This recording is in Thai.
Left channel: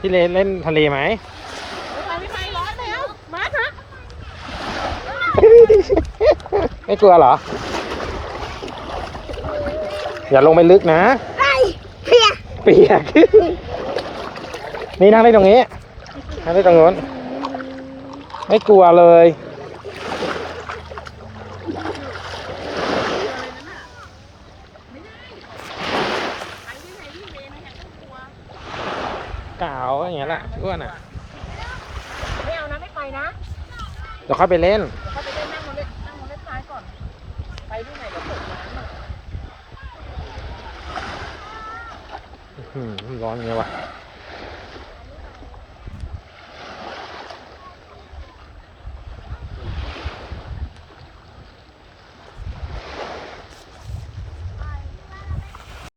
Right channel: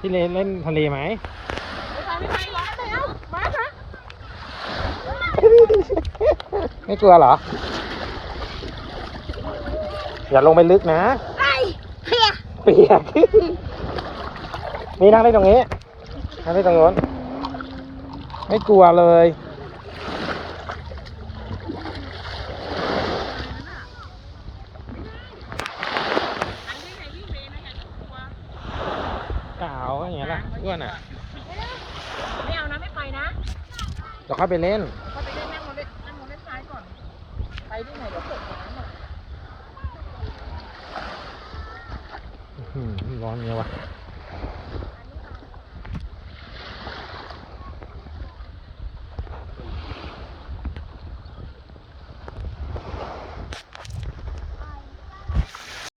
พี่เลนเล่นทะเลไหมไปไปร้อนแล้วมาครับไม่กลัวเหรอ อย่าลงไปลึกนะไอ้เพียเปียกนี่นั่งได้ตรงนี้นั่งได้ตรงนู้นไม่กลัวเลย กาวอย่างเงี้ยแหละอ้วนอะไม่เอานะไม่ไปนะเดี๋ยวเข้าไปเล่นเขาจะเล่นนั่งมาเล่นนั่งมาเล่นซ้ายก่อนไปที่ไหนอื้อหือร้อนอย่างเงี้ยว่ะ